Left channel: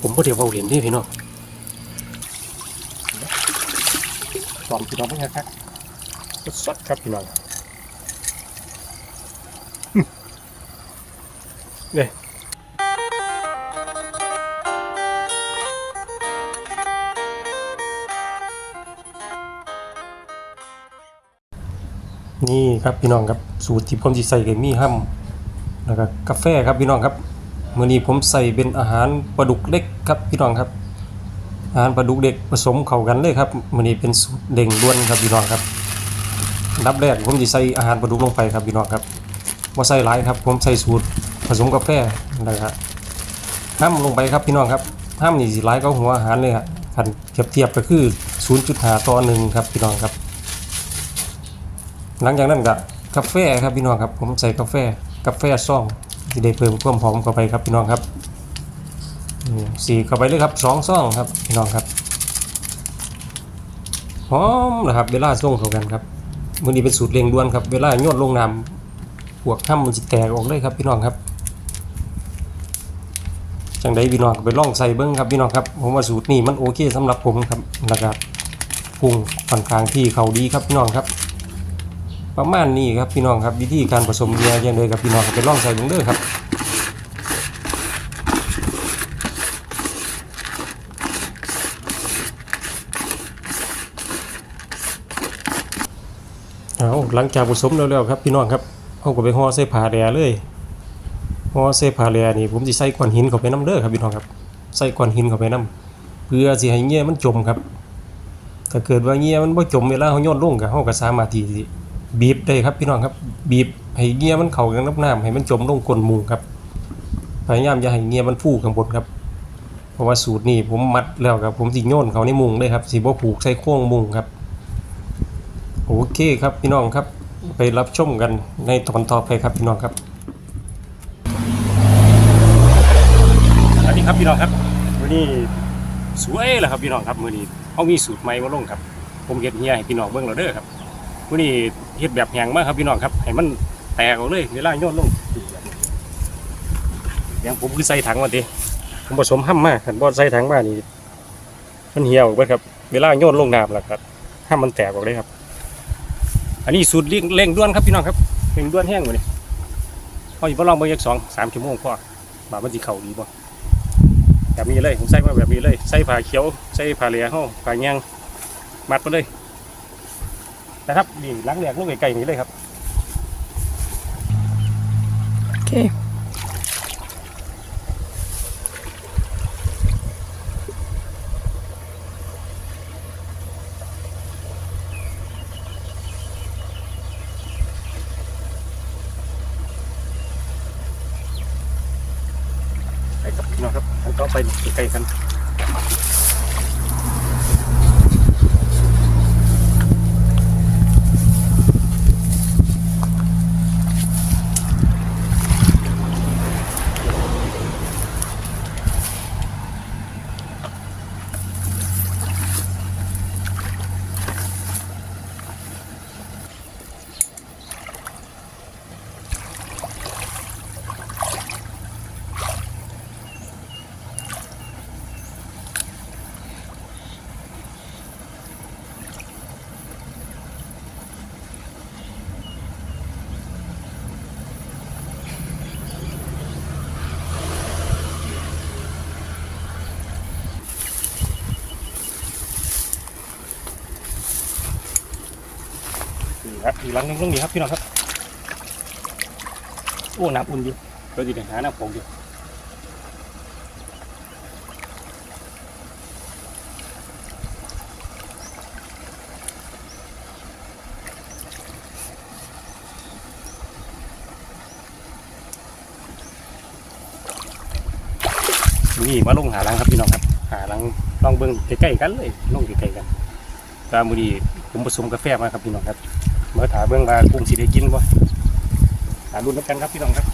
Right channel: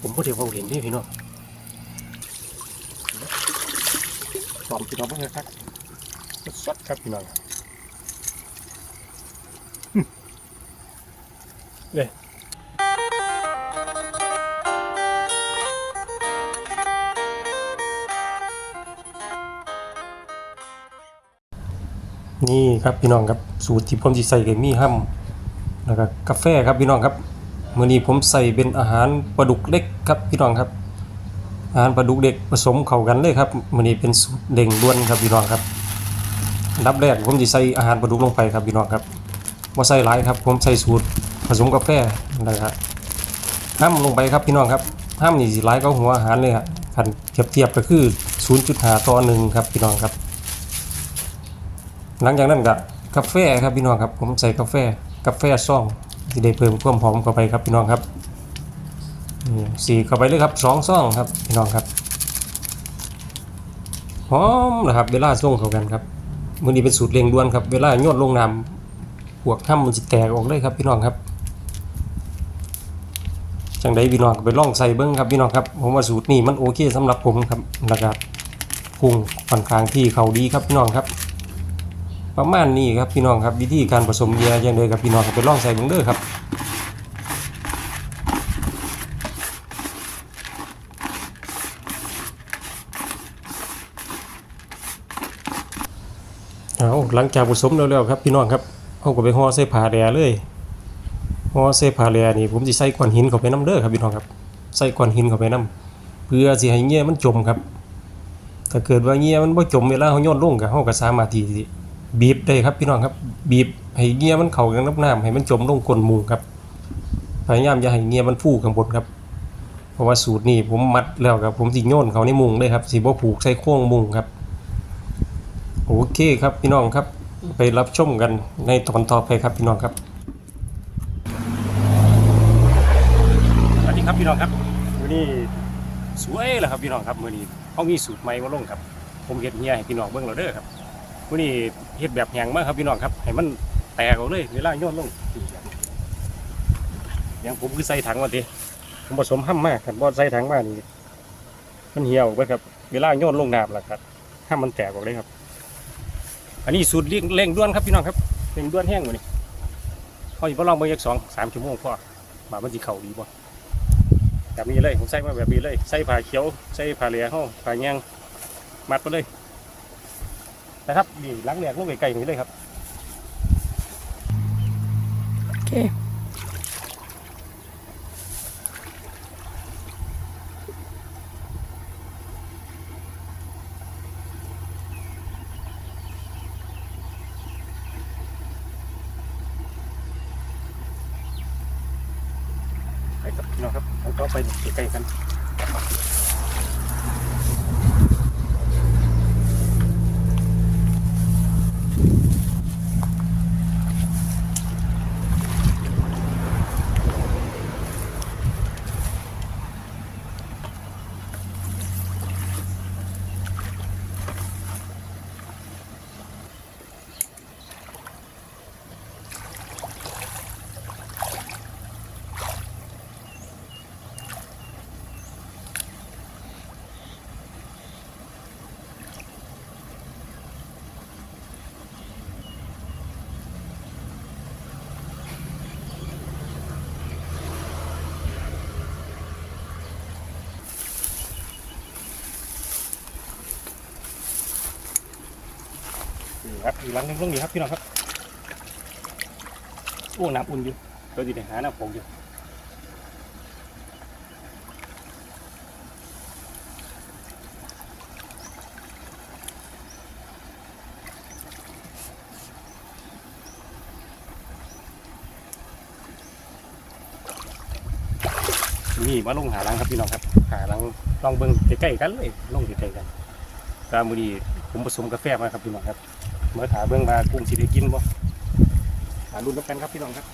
ผมก็เดี๋ยวเอาเหรียญนี่พี่น้องสอมพี่น้องเพื่อนครับสดๆครับพี่น้องอืมเนี่ยนี่ครับพี่น้องครับสูตรที่ผมจะใส่กับมีห้ำแล้วก็กาแฟครับพี่น้องครับ มื้อนี้ผมใส่เป็นอาหารปลาดุกเล็กครับพี่น้องครับ อาหารปลาดุกเด็กผสมเข้ากันเลยครับมื้อนี้เป็นสูตรเด่งด้วนครับพี่น้องครับอันดับแรกผมจะใส่อาหารปลาดุกลงไปครับพี่น้องครับบ่ใส่หลายครับ ผมใส่สูตรผสมกาแฟนะครับห้ามลงไปครับพี่น้องครับห้ามนี่สิหลายก็หัวอาหารเลยครับคันเทียบเทียบก็คือ0.5ต่อ1ครับพี่น้องครับ หลังจากนั้นก็กาแฟครับพี่น้องครับ ผมใส่กาแฟกาแฟซอง ที่ได้เพิ่มความหอมเข้าไปครับพี่น้องครับนี่สีเข้าไปเลยครับสองซองครับพี่น้องครับหอมนะครับเวลาส่งเข้ากันครับมือนี้เป็นสูตรเร่งด่วนครับเวลาโยนลงน้ำพวกห้ำมันจะแตกออกเลยครับพี่น้องครับจังใดพี่น้องไปล่องใส่เบิ้งครับพี่น้องครับผมว่าสูตรนี้มันโอเคสำหรับผมครับแล้วก็ปรุงค่อนข้างที่เขาดีครับพี่น้องครับ ประมาณนี้ครับพี่น้องครับวิธีการผสมเบียร์ย่างเดยครับพี่น้องก็ไปลองใส่เบิ่งเด้อครับเอาหลังจากผสมแล้วๆครับพี่น้องครับเอาก็ไปห่อใส่ผ้าแดเลยห่อใส่ผ้าแดนี่ผมสิใส่ก้อนหินเข้าไปน้ำเด้อครับพี่น้องครับใส่ก้อนหินเข้าไปน้ำเพื่อสิให้เงี้ยมันจมครับถ้าเกิดว่าเงี้ยมันบ่จมเวลาเฮาโยนลงก็เฮาก็สามารถที่ บีบได้ครับพี่น้องครับ บีบให้เงียมันเข้ากันกับน้ำให้มันจมลงก้นมุงครับพยายามอย่าให้เงียมันฟูข้างบนครับ เพราะว่าสูตรนี้ผมมัดแล้วครับ ผมสิโยนเขาในมุงเลยครับสิบ่ผูกใส่โค้งมุงครับโอเคครับพี่น้องครับ ไปรับชมกันในตอนต่อไปครับพี่น้องครับสวัสดีครับพี่น้องครับวันนี้สวยแล้วครับพี่น้องครับมื้อนี้เขามีสูตรใหม่มาลงครับ ผมเฮ็ดเฮียให้พี่น้องเบิ่งแล้วเด้อครับวันนี้ เฮ็ดแบบแหงมากครับพี่น้องครับให้มันแตกออกเลยเวลาโยนลงอย่างผมคือใส่ถังมาดิผมผสมห้ำมากขันบอใส่ถังมานี่มันเหี่ยวเบิดครับ เวลาโยนลงน้ำแล้วครับห้ามมันแตกออกเลยครับ อันนี้สูตรเร่งเร่งด่วนครับพี่น้องครับเร่งด่วนแห้งหมาดิพออยู่พอลองเบิ่อีกสองสามชั่วโมงพอว่ามันสิเข้าดีบ่แบบนี้เลยผมใส่มาแบบนี้เลย ใส่ผ้าเขียว ใส่ผ้าเหลืองห้องผ้าแยงมัดไปเลย นะครับนี่ล้างแหลกลูกไก่ๆนี้เลยครับโอเคไปครับพี่น้องครับผมก็ไปไกลๆกัน นี่ครับอีกหลังนึงตรงนี้ครับพี่น้องครับโอ้น้ำอุ่นอยู่เราจะไปหาน้ำผงอยู่นี่มาลงหาลังครับพี่น้องครับ หาลังลองเบิ้งใกล้ๆกันเลยลงใกล้ๆกันกามือดีผมผสมกาแฟมาครับพี่น้องครับ เมื่อถาเบื้องว่ากุ้งสีได้กินบ่หารุ่นน้ำกันครับพี่น้องครับ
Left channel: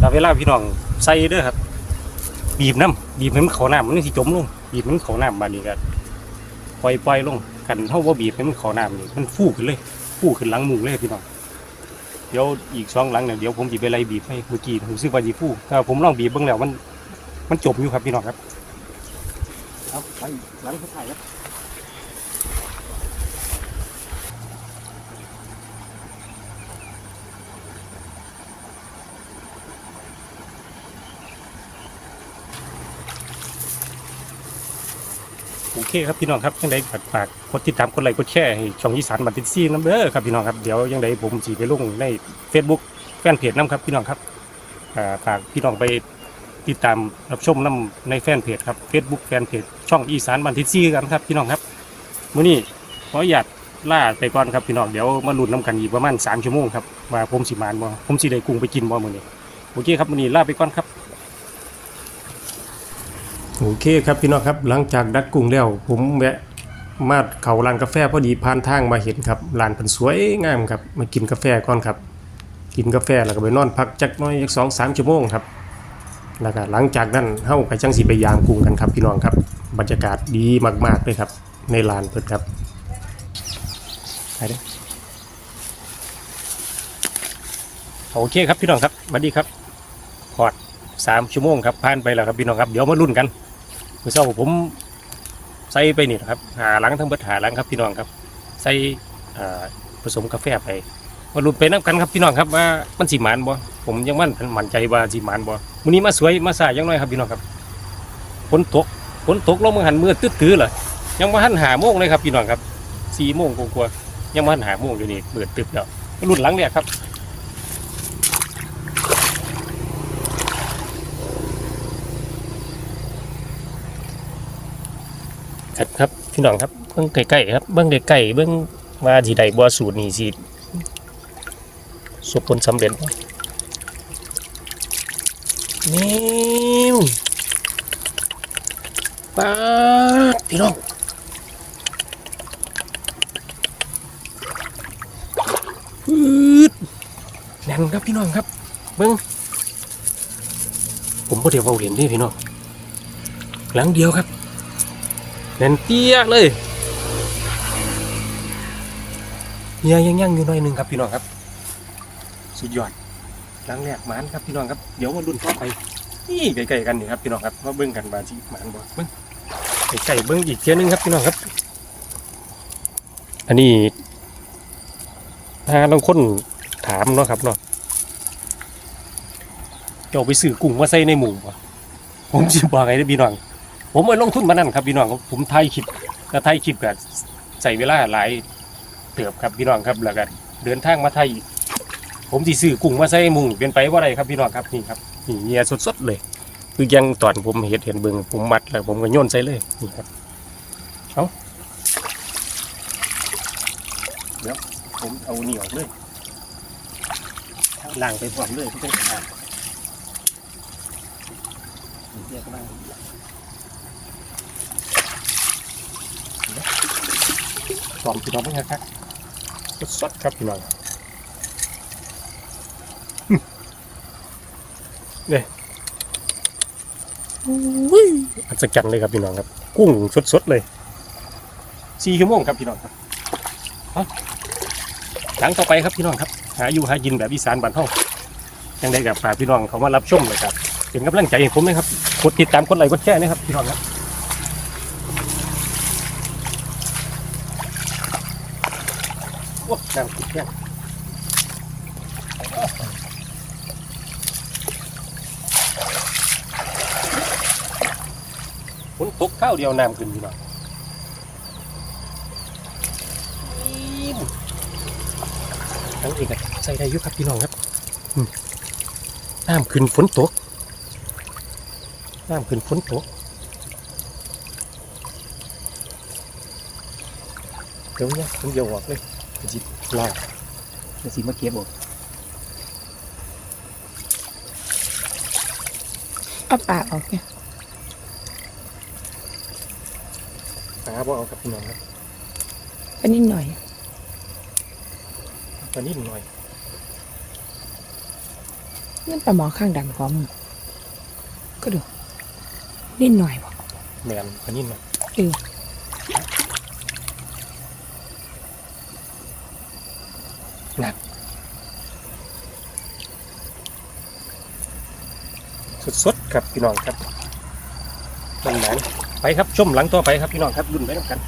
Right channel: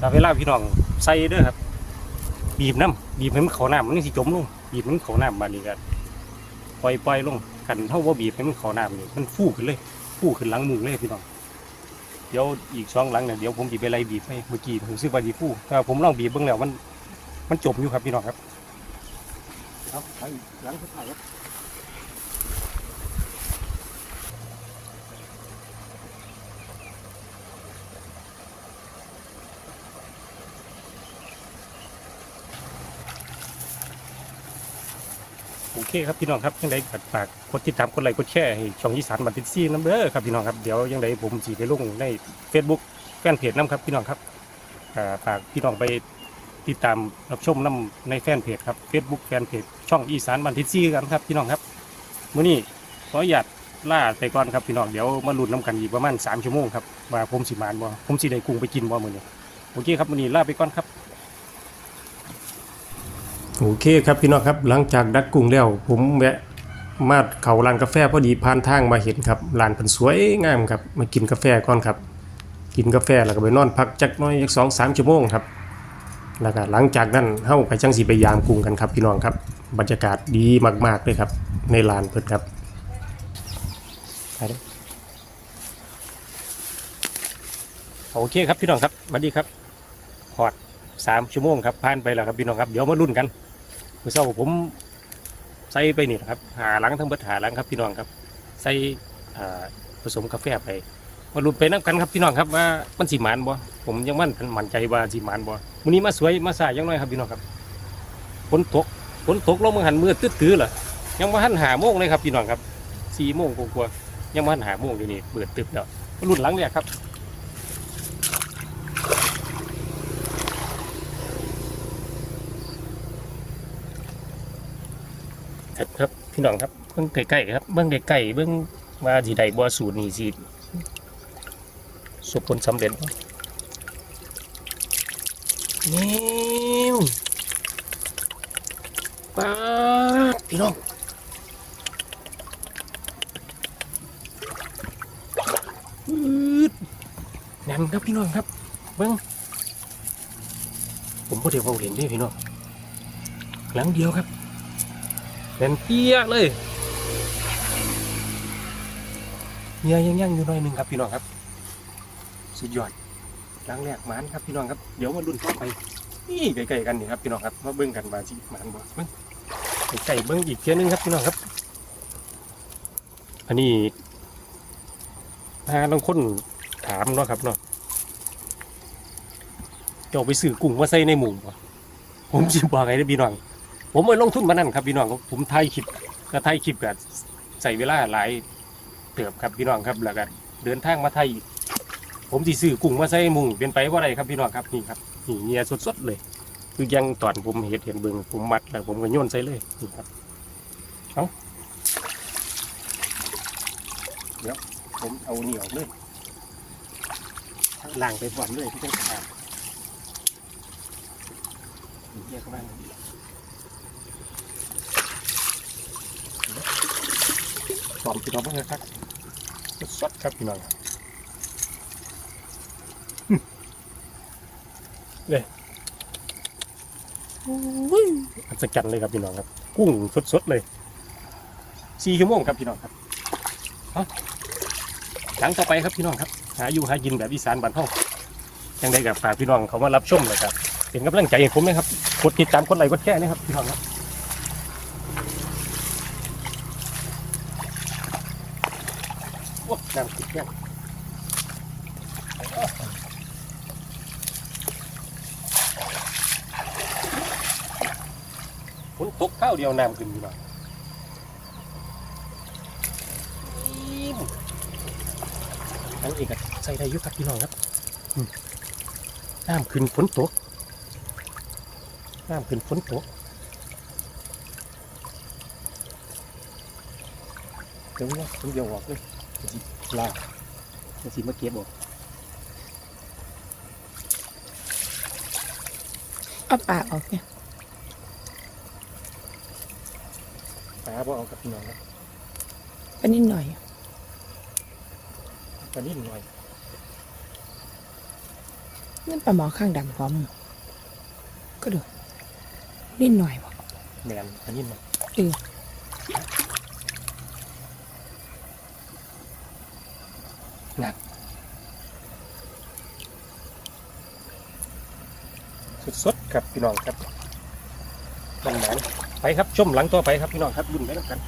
ต่เวลาพี่น้องใส่เด้อครับ บีบน้ำบีบให้มันเขาน้ำมันสิจมลงบีบให้มันเขาน้ำบานี้ก็ปล่อยปล่อยลงกันเท่าว่าบีบให้มันเขาน้ำนี่มันฟูขึ้นเลยฟูขึ้นหลังหมูเลยพี่น้องเดี๋ยวอีกสองหลังเนี่ยเดี๋ยวผมจะไปไล่บีบให้เมื่อกี้ผมซื้อว่าจีฟูถ้าผมลองบีบเบ้างแล้วมันมันจบอยู่ครับพี่น้องครับ เอาหลังหลังสุดท้ายครับ เคครับพี่น้องครับยังไงฝากฝากกดติดตามกดไลค์กดแชร์ให้ช่องอีสานบันทิดซีน้ำเด้อครับพี่น้องครับเดี๋ยวยังไงผมจีไปลงใน Facebook แฟนเพจน้ำครับพี่น้องครับฝากพี่น้องไปติดตามรับชมน้ำในแฟนเพจครับ Facebook แฟนเพจช่องอีสานบันทิดซีกันครับพี่น้องครับมื้อนี้ขออนุญาตล่าไปก่อนครับพี่น้องเดี๋ยวมาลุ้นน้ำกันอีกประมาณ3ชั่วโมงครับว่าผมสิมานบ่ผมสิได้กุ้งไปกินบ่มื้อนี้โอเคครับมื้อนี้ล่าไปก่อนครับ โอเคครับพี่น้องครับหลังจากดักกุ้งแล้ว ผมแวะมาเขาร้านกาแฟพอดีผ่านทางมาเห็นครับร้านเป็นสวยงามครับมากินกาแฟก่อนครับ กินกาแฟแล้วก็ไปนอนพักจักน้อยจักสองสามชั่วโมงครับแล้วก็หลังจากนั้นเฮาก็จังสิไปยามกุ้งกันครับพี่น้องครับ บรรยากาศดีมากๆเลยครับในลานเพิ่นครับโอเคครับพี่น้องครับสวัสดีครับพอดสามชั่วโมงครับผ่านไปแล้วครับพี่น้องครับเดี๋ยวมาลุ้นกัน มือเช้าผมใส่ไปนี่ครับหาหลังทั้งเบิดหาหลังครับพี่น้องครับ ใส่ผสมกาแฟไปมาลุ้นไปน้ำกันครับพี่น้องครับว่ามันสีมันบ่ผมยังมั่นมั่นใจว่าสีมันบ่มื้อนี้มาสวยมาสายยังน้อยครับพี่น้องครับฝนตกฝนตกลงมาหันมือตื้อๆเหรอยังมาหันหาโมงเลยครับพี่น้องครับสี่โมงกว่าๆยังมาหันหาโมงอยู่นี่เปิดตึกแล้วมาลุ้นหลังเนี่ยครับ ครับครับพี่น้องครับเบิ้งใกล้ๆครับเบิ้งใกล้ๆเบิ้งว่าสีใดบัวสูตรนี่สิสุผลสำเร็จนี่ป้าพี่น้องอืดนั่นครับพี่น้องครับ เบิ้งผมก็เดี๋ยวเอาเหรียญดิพี่น้องหลังเดียวครับ แน่นเปี้ยเลยเฮียยังยังอยู่หน่อยหนึ่งครับพี่น้องครับ สุดยอดครั้งแรกหมานครับพี่น้องครับเดี๋ยวมาลุ้นต่อไปนี่ใกล้ๆกันนี่ครับพี่น้องครับมาเบิ้งกันบาจีหมานบ่เบิ้งใกล้ๆเบิ้งอีกเทียหนึงครับพี่น้องครับ อันนี้ถ้าบางคนถามเนาะครับเนาะจะเอาไปซื้อกุ้งมาใส่ในหมูบ่ผมสิบอกไงเด้พี่น้อง ผมไปลงทุนมานั่นครับพี่น้องครับผมถ่ายคลิปแล้วถ่ายคลิปก็ใส่เวลาหลายเติบครับพี่น้องครับแล้วก็เดินทางมาไทย ผมสิซื้อกุ้งมาใส่มุงเป็นไปว่าไรครับพี่น้องครับนี่ครับนี่เนียสดๆเลย คือยังตอนผมเห็ดเห็นเบิ่งผมมัดแล้วผมก็โยนใส่เลยนี่ครับเอาเดี๋ยวผมเอาเหนียวเลยล้างไปพร้อมเลยไม่ต้องขานยเข้ามา พร้ อมพี่น้องเพื่อนครับสดๆครับพี่น้องเนี่ยอัศจรรย์เลยครับพี่น้องครับ กุ้งสดๆเลยสี่ชั่วโมงครับพี่น้องครับเอาหลังต่อไปครับพี่น้องครับ หาอยู่หากินแบบอีสานบ้านเฮายังได้กับฝากพี่น้องเขามารับชมเลยครับเป็นกำลังใจให้ผมนะครับกดติดตามกดไลค์กดแชร์นะครับพี่น้องครับ โอ้ดังติดเนี่ยฝนตก ข้าวเดียวน้ำขึ้นพี่น้องแล้วอีกอะใส่ได้อยุครับพี่น้องครับอืมน้ำขึ้นฝนตกน้ำขึ้นฝนตกเดี๋ยวเนี่ยผมเดี๋ยวออกเลยจิบลาจะสิมาเก็บบอกเอาปากออกเนี่ย ครับว่าเอาครับพี่น้องครับอันนี้หน่อยตันนี้หน่อยนั่นปลาหมอข้างดังพร้อมก็ดูนิดหน่อยบอกแหมปลานิ่มหน่อยเออนักสุดๆครับพี่น้องครับตรงหน ไปครับชมหลังต่อไปครับพี่น้องครับรุ่นไปกัน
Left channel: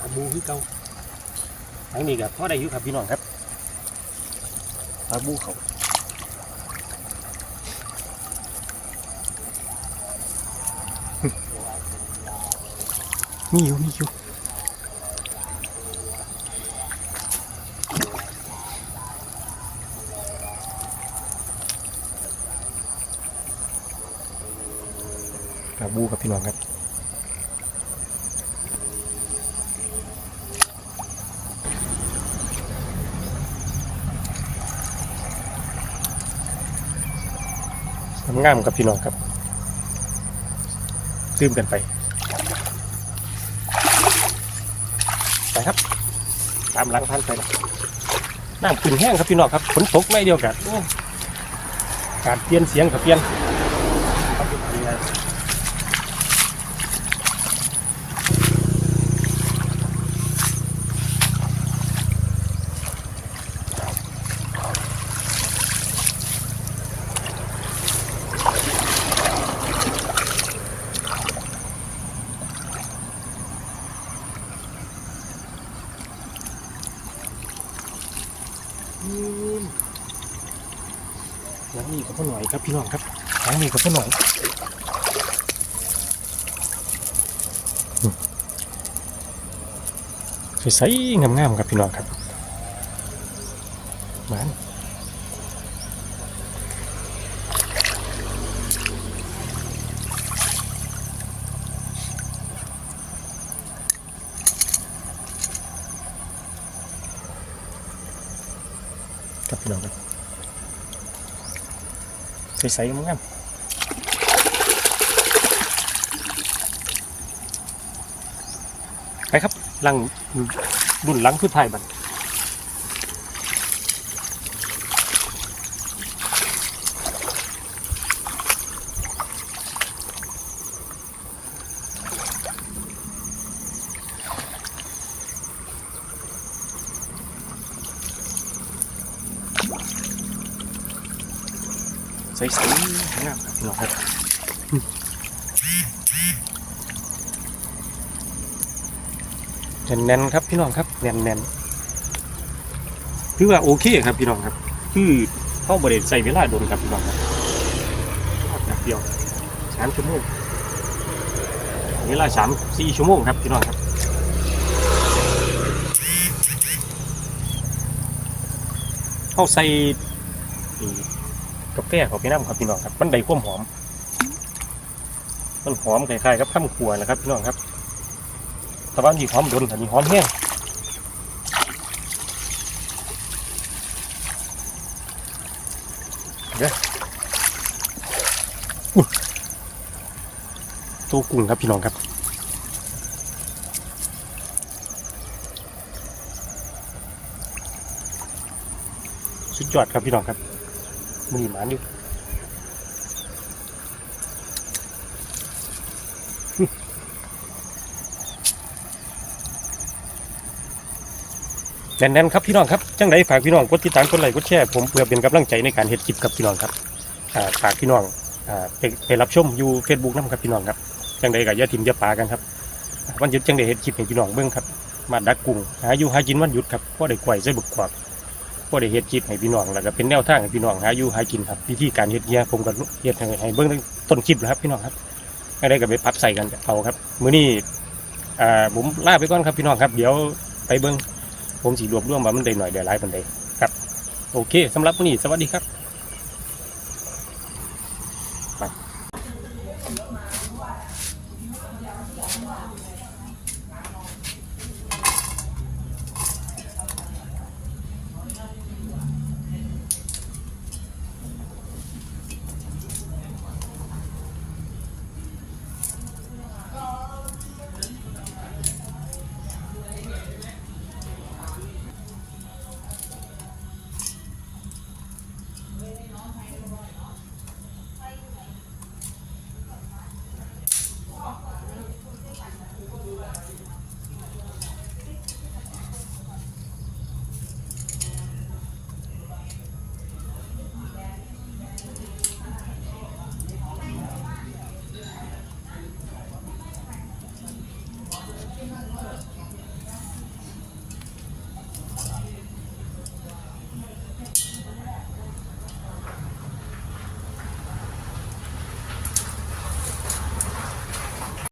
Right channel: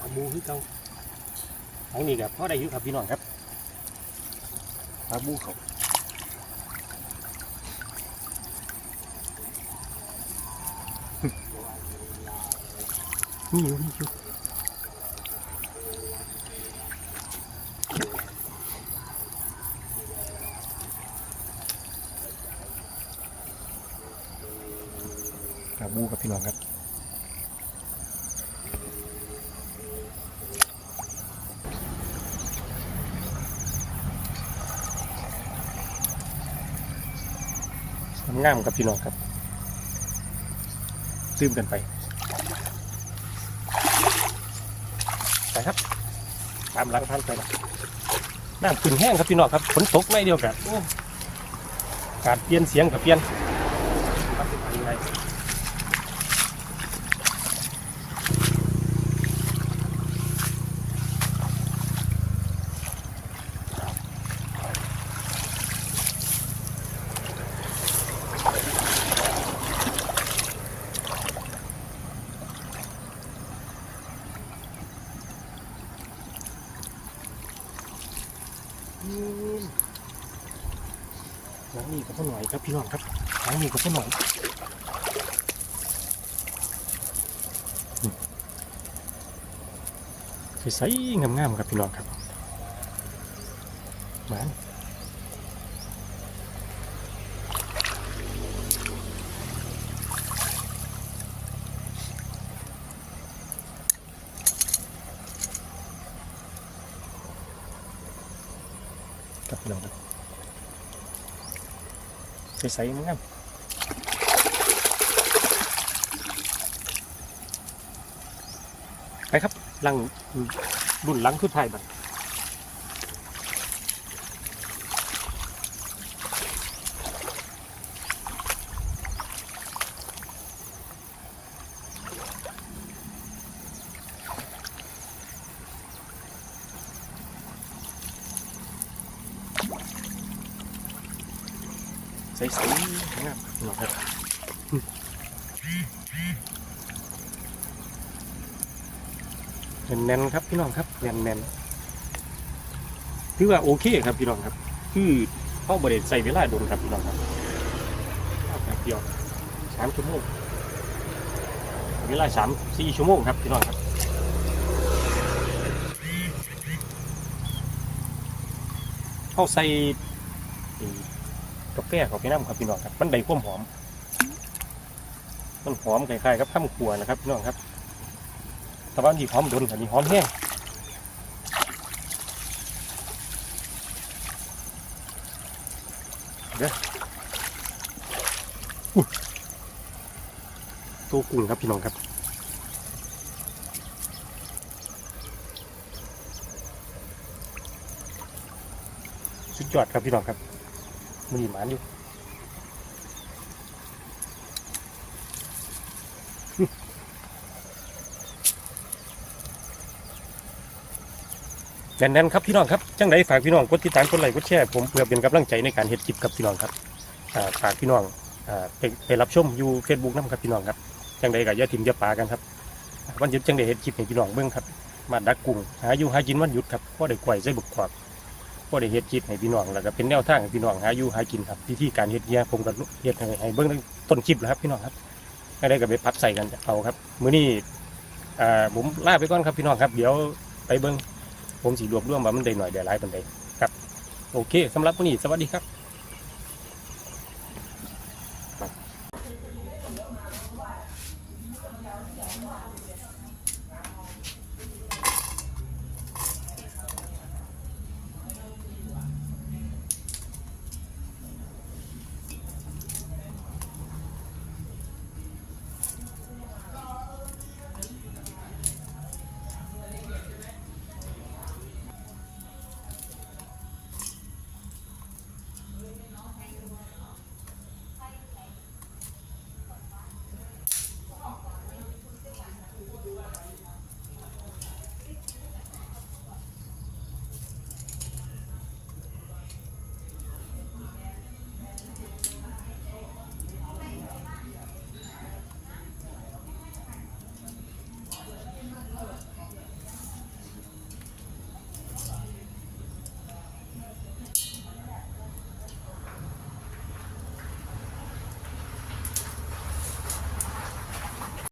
ปลาบูคือ เก่าอันนี้ครับพ่อได้อยู่ครับพี่น้องครับปลาบูเขามีอยู่มีอยู่ปลาบูครับพี่น้องครับ งามๆกับพี่น้องครับตื่มกันไปไปครับ ตามหลังท่านไปนะน้ำขึ้นแห้งครับพี่น้องครับฝนตกไม่เดียวกันโอ้การเปลี่ยนเสียงกับเปลี่ยนหลังนี้ กับพ่อหน่อยครับพี่น้องครับหลังนี้กับพ่อหน่อยใสๆงามๆครับพี่น้องครับมันครับพี่น้องครับ ใสๆมั้งครับไปครับลังรุ่นลังคือไทายบัน ใสๆงามครับน้องครับแน่นๆครับพี่น้องครับแน่นๆคือว่าโอเคครับพี่น้องครับ คือเข้าบริเวณใส่เวลาโดนครับพี่น้องแบบเดียวสามชั่วโมงเวลาสามสี่ชั่วโมงครับพี่น้องครับเข้าใส่ กาแฟของพี่น้ำครับพี่น้องครับมันได้ความหอม มันหอมคล้ายๆกับข้าวขัวนะครับพี่น้องครับแต่ว่ามีหอมโดนแต่มีหอมแห้งเด้อตัวกุ้งครับพี่น้องครับสุดยอดครับพี่น้องครับ มีหมาอยู่แน่นๆครับพี่น้องครับ จังไรฝากพี่น้องกดติดตามกดไลค์กดแชร์ผมเพื่อเป็นกำลังใจในการเฮ็ดคลิปครับพี่น้องครับฝากพี่น้องไปรับชมอยู่เฟซบุ๊กน้ำครับพี่น้องครับจังไรกับยาทิมยาปากันครับวันหยุดจังไรเฮ็ดคลิปให้พี่น้องเบิ่งครับ มาดักกุ้งหาอยู่หากินวันหยุดครับพ่อได้กล้วยใส่บุกกวาก ก็ได้เฮ็ดคลิปให้พี่น้องแล้วก็เป็นแนวทางให้พี่น้องหาอยู่หากินครับวิธีการเฮ็ดเนี่ยผมก็เฮ็ดให้ให้เบิ่งตั้งต้นคลิปแล้วครับพี่น้องครับอะได้ก็ไปปรับใส่กันเอาครับมื้อนี้อ่าผมลาไปก่อนครับพี่น้องครับ เดี๋ยวไปเบิ่งผมสิรวบรวมว่ามันได้หน่อยได้หลายปานใดครับ โอเคสำหรับมื้อนี้สวัสดีครับ